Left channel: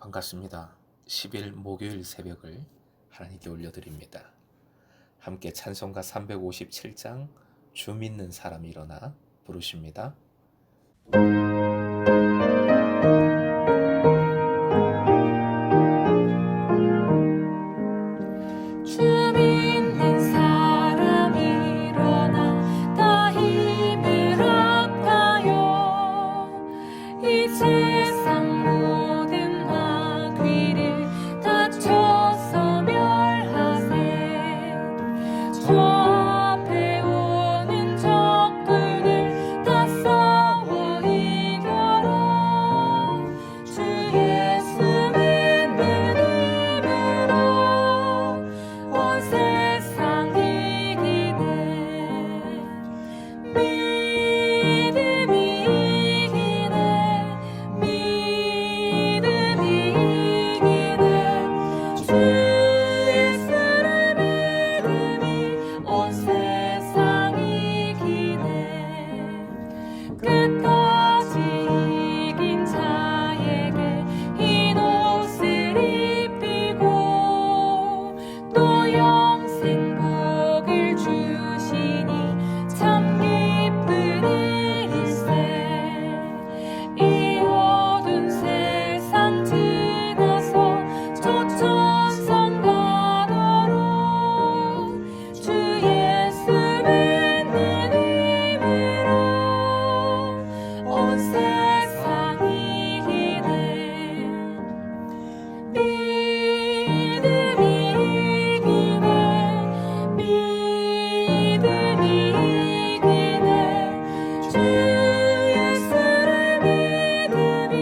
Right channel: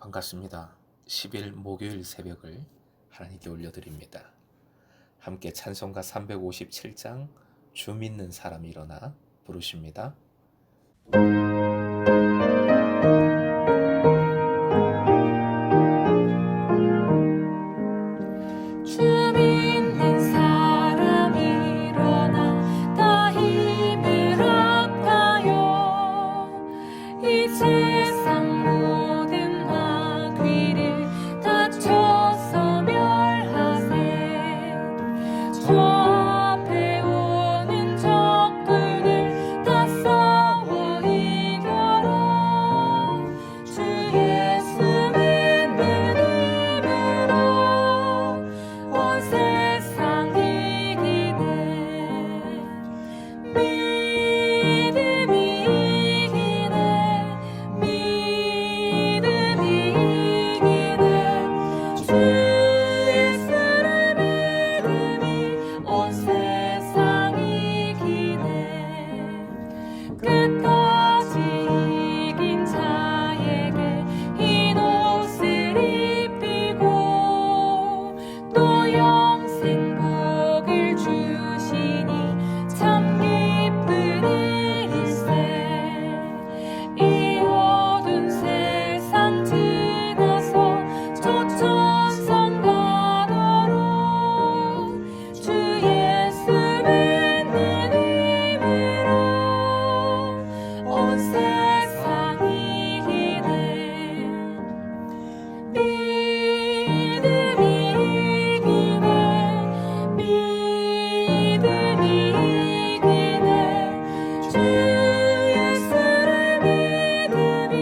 반갑습니다. 10일 목요일 새벽을 하나님께 올려드립니다. 함께 찬송가 357장 주 믿는 사람이 일어나 부르십니다. 주 믿는 사람 일어나 다 힘을 합하여 이 세상 모든 마귀를 다쳐서 멸하세. 저 앞에 오는 적군을 다 싸워 이겨라. 주 예수 믿는 힘으로 온 세상 이기네. 믿음이 이기네. 믿음이 이기네. 주 예수를 믿음이 온 세상 이기네. 끝까지 이긴 자에게 흰 옷을 입히고 또 영생 복을 주시니 참 기쁜 일일세. 이 어두운 세상 지나서 초천성 가도록 주 예수 믿는 힘으로 온 세상 이기네. 믿음이 이기네. 믿음이 이기네. 주 예수를 믿음이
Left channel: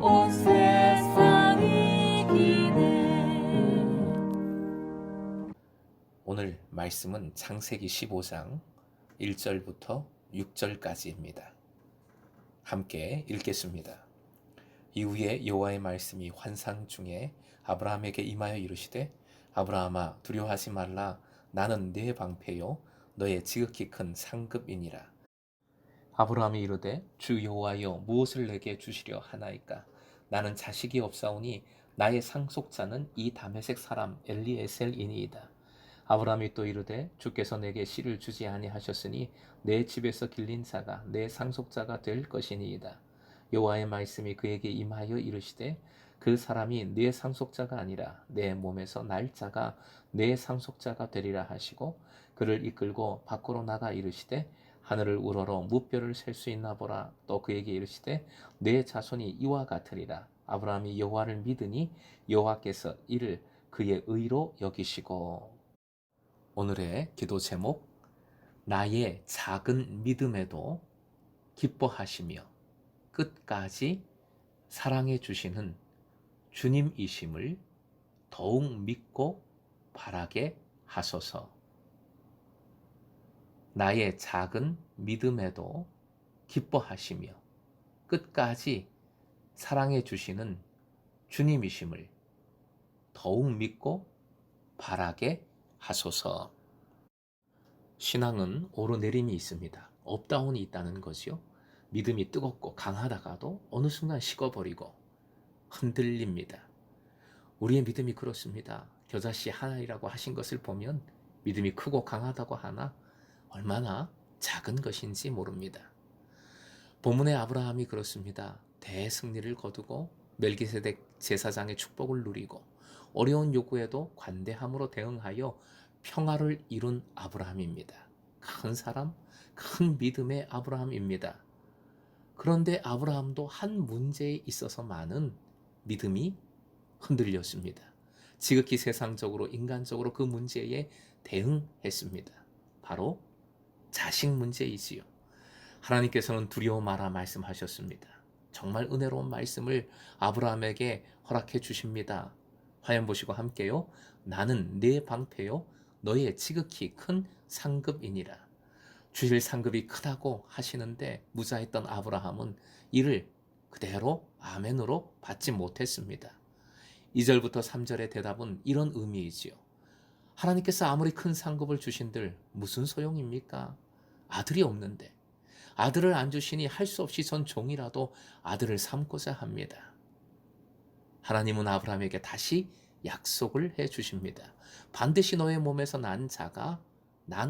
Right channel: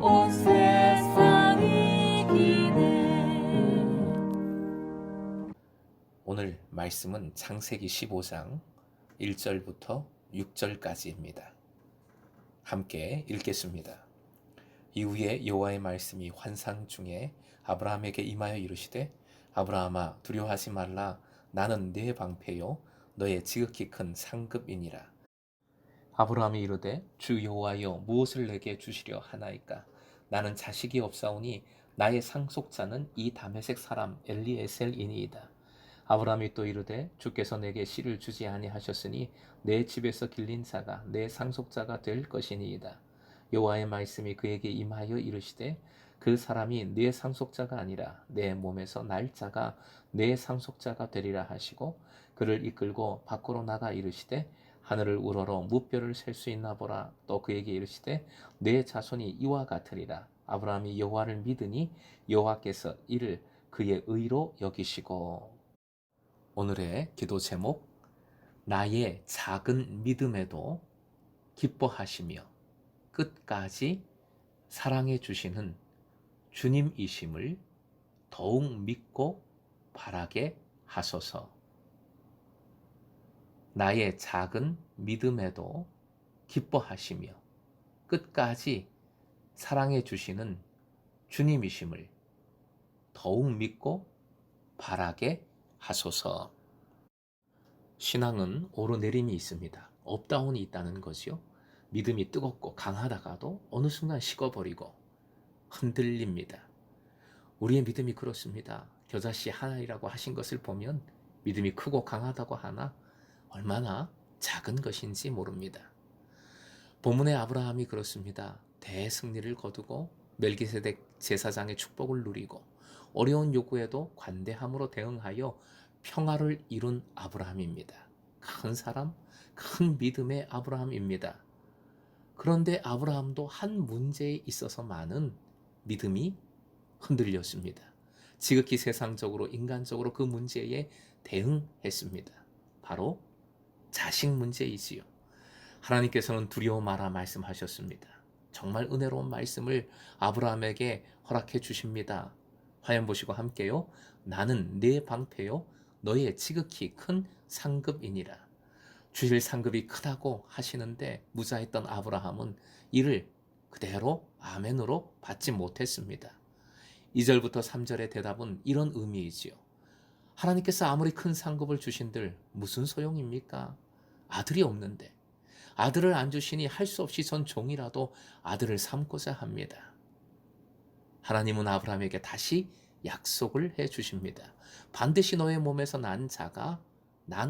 온 세상 이기네. 오늘 말씀은 창세기 15장 1절부터 6절까지입니다. 함께 읽겠습니다. 이후에 여호와의 말씀이 환상 중에 아브라함에게 임하여 이르시되 아브라함아 두려워하지 말라. 나는 네 방패요 너의 지극히 큰 상급이니라. 아브라함이 이르되 주 여호와여 무엇을 내게 주시려 하나이까. 나는 자식이 없사오니 나의 상속자는 이 다메섹 사람 엘리에셀이니이다. 아브라함이 또 이르되 주께서 내게 씨를 주지 아니하셨으니 내 집에서 길린 자가 내 상속자가 될 것이니이다. 여호와의 말씀이 그에게 임하여 이르시되 그 사람이 내 상속자가 아니라 내 몸에서 날 자가 내 상속자가 되리라 하시고 그를 이끌고 밖으로 나가 이르시되 하늘을 우러러 무뼈를 셀 수 있나 보라. 또 그에게 이르시되 내 자손이 이와 같으리라. 아브라함이 여호와를 믿으니 여호와께서 이를 그의 의로 여기시고. 오늘의 기도 제목, 나의 작은 믿음에도 기뻐하시며 끝까지 사랑해 주시는 주님이심을 더욱 믿고 바라게 하소서. 나의 작은 믿음에도 기뻐하시며 끝까지 사랑해 주시는 주님이심을 더욱 믿고 바라게 하소서. 신앙은 오르내림이 있습니다. 업다운이 있다는 거지요. 믿음이 뜨겁고 강하다가도 어느 순간 식어버리고 흔들립니다. 우리의 믿음이 그렇습니다. 겨자씨 하나이라고 하신 것을 보면 믿음이 크고 강하다고 하나 얼마나 작은 것인지 모릅니다. 본문의 아브라함이 그렇습니다. 대승리를 거두고 멜기세덱 제사장의 축복을 누리고 어려운 요구에도 관대함으로 대응하여 평화를 이룬 아브라함입니다. 큰 사람, 큰 믿음의 아브라함입니다. 그런데 아브라함도 한 문제에 있어서만은 믿음이 흔들렸습니다. 지극히 세상적으로 인간적으로 그 문제에 대응했습니다. 바로 자식 문제이지요. 하나님께서는 두려워 마라 말씀하셨습니다. 정말 은혜로운 말씀을 아브라함에게 허락해 주십니다. 화면 보시고 함께요. 나는 네 방패요 너의 지극히 큰 상급이니라. 주실 상급이 크다고 하시는데 무자했던 아브라함은 이를 그대로 아멘으로 받지 못했습니다. 2절부터 3절의 대답은 이런 의미이지요. 하나님께서 아무리 큰 상급을 주신들 무슨 소용입니까? 아들이 없는데. 아들을 안 주시니 할 수 없이 전 종이라도 아들을 삼고자 합니다. 하나님은 아브라함에게 다시 약속을 해 주십니다. 반드시 너의 몸에서 난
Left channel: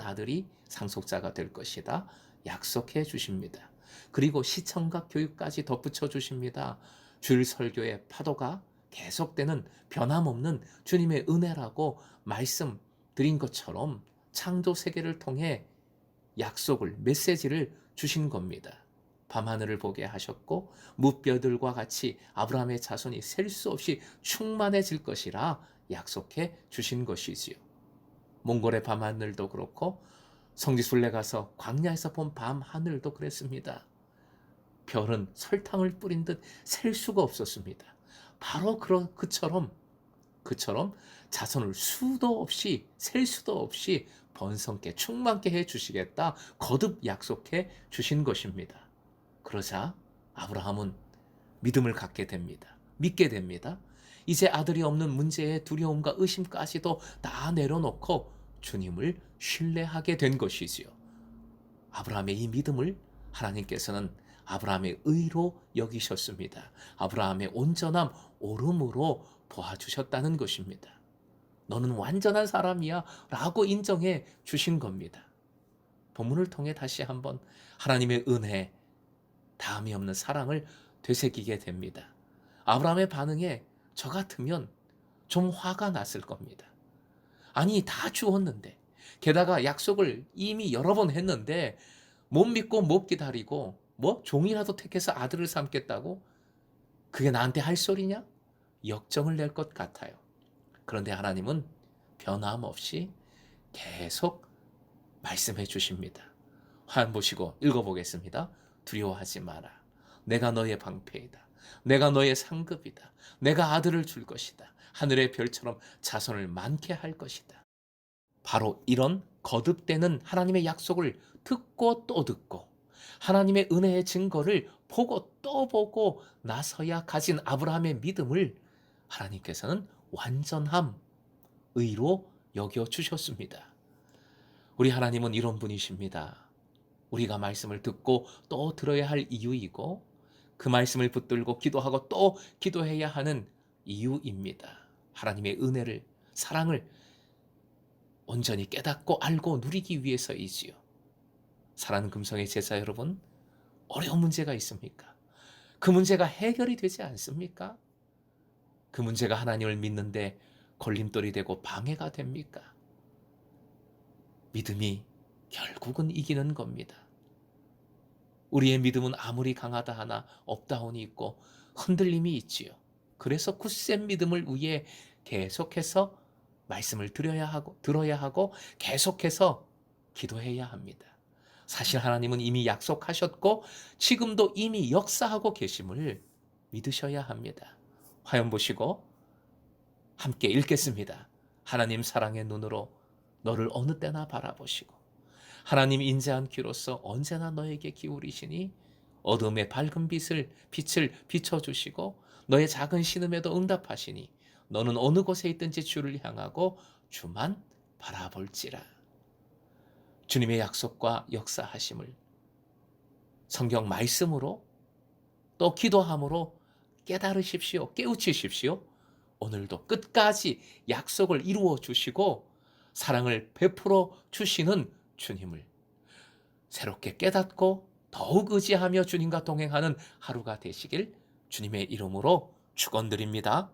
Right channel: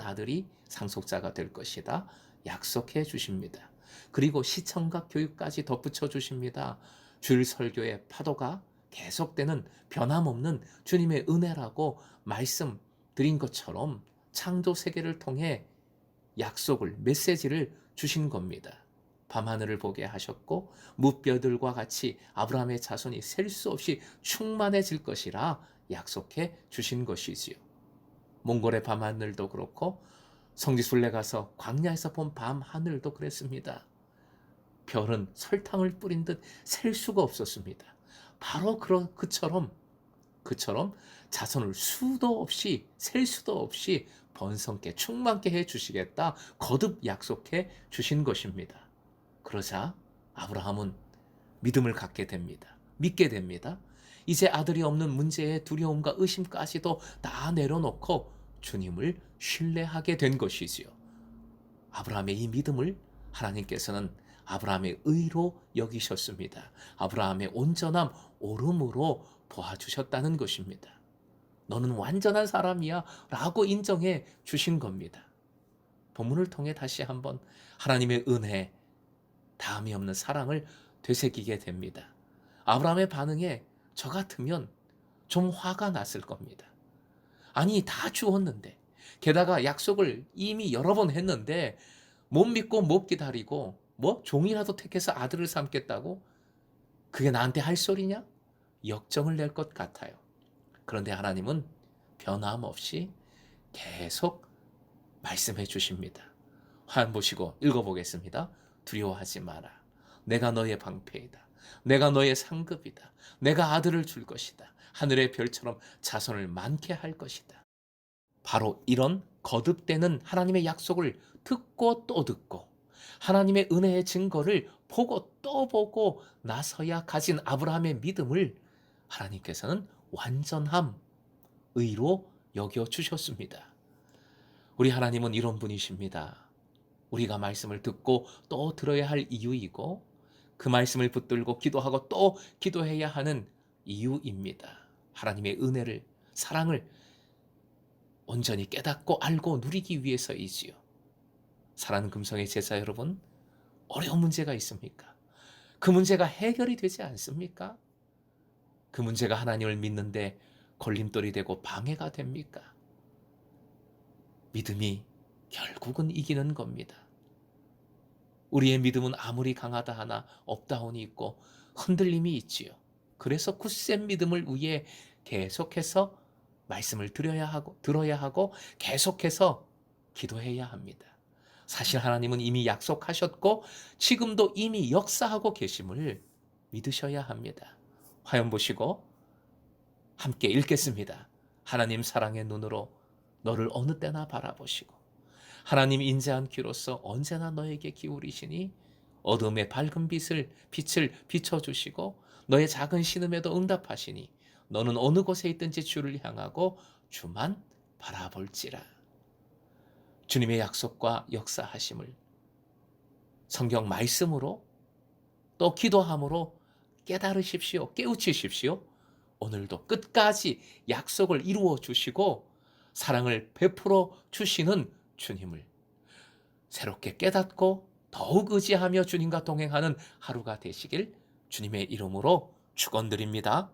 아들이 상속자가 될 것이다. 약속해 주십니다. 그리고 시청각 교육까지 덧붙여 주십니다. 주일 설교의 파도가 계속되는 변함없는 주님의 은혜라고 말씀드린 것처럼 창조 세계를 통해 약속을, 메시지를 주신 겁니다. 밤하늘을 보게 하셨고 무뼈들과 같이 아브라함의 자손이 셀 수 없이 충만해질 것이라 약속해 주신 것이지요. 몽골의 밤하늘도 그렇고 성지순례 가서 광야에서 본 밤하늘도 그랬습니다. 별은 설탕을 뿌린 듯 셀 수가 없었습니다. 바로 그처럼 자손을 수도 없이 셀 수도 없이 번성케 충만케 해 주시겠다 거듭 약속해 주신 것입니다. 그러자 아브라함은 믿음을 갖게 됩니다. 믿게 됩니다. 이제 아들이 없는 문제의 두려움과 의심까지도 다 내려놓고 주님을 신뢰하게 된 것이지요. 아브라함의 이 믿음을 하나님께서는 아브라함의 의로 여기셨습니다. 아브라함의 온전함, 옳음으로 보아주셨다는 것입니다. 너는 완전한 사람이야 라고 인정해 주신 겁니다. 본문을 통해 다시 한번 하나님의 은혜, 다함이 없는 사랑을 되새기게 됩니다. 아브라함의 반응에 저 같으면 좀 화가 났을 겁니다. 아니, 다 주었는데, 게다가 약속을 이미 여러 번 했는데 못 믿고 못 기다리고 종이라도 택해서 아들을 삼겠다고? 그게 나한테 할 소리냐? 역정을 낼 것 같아요. 그런데 하나님은 변함없이 계속 말씀해 주십니다. 화면 보시고 읽어보겠습니다. 두려워하지 마라. 내가 너의 방패이다. 내가 너의 상급이다. 내가 아들을 줄 것이다. 하늘의 별처럼 자손을 많게 할 것이다. 바로 이런 거듭되는 하나님의 약속을 듣고 또 듣고 하나님의 은혜의 증거를 보고 또 보고 나서야 가진 아브라함의 믿음을 하나님께서는 완전함, 의로 여겨주셨습니다. 우리 하나님은 이런 분이십니다. 우리가 말씀을 듣고 또 들어야 할 이유이고 그 말씀을 붙들고 기도하고 또 기도해야 하는 이유입니다. 하나님의 은혜를, 사랑을 온전히 깨닫고 알고 누리기 위해서이지요. 사랑하는 금성의 제자 여러분, 어려운 문제가 있습니까? 그 문제가 해결이 되지 않습니까? 그 문제가 하나님을 믿는데 걸림돌이 되고 방해가 됩니까? 믿음이 결국은 이기는 겁니다. 우리의 믿음은 아무리 강하다 하나 업다운이 있고 흔들림이 있지요. 그래서 굳센 믿음을 위해 계속해서 말씀을 들어야 하고 계속해서 기도해야 합니다. 사실 하나님은 이미 약속하셨고 지금도 이미 역사하고 계심을 믿으셔야 합니다. 화면 보시고 함께 읽겠습니다. 하나님 사랑의 눈으로 너를 어느 때나 바라보시고 하나님 인자한 귀로서 언제나 너에게 기울이시니 어둠의 밝은 빛을 비춰주시고 너의 작은 신음에도 응답하시니 너는 어느 곳에 있든지 주를 향하고 주만 바라볼지라. 주님의 약속과 역사하심을 성경 말씀으로 또 기도함으로 깨달으십시오. 깨우치십시오. 오늘도 끝까지 약속을 이루어 주시고 사랑을 베풀어 주시는 주님을 새롭게 깨닫고 더욱 의지하며 주님과 동행하는 하루가 되시길 주님의 이름으로 축원드립니다.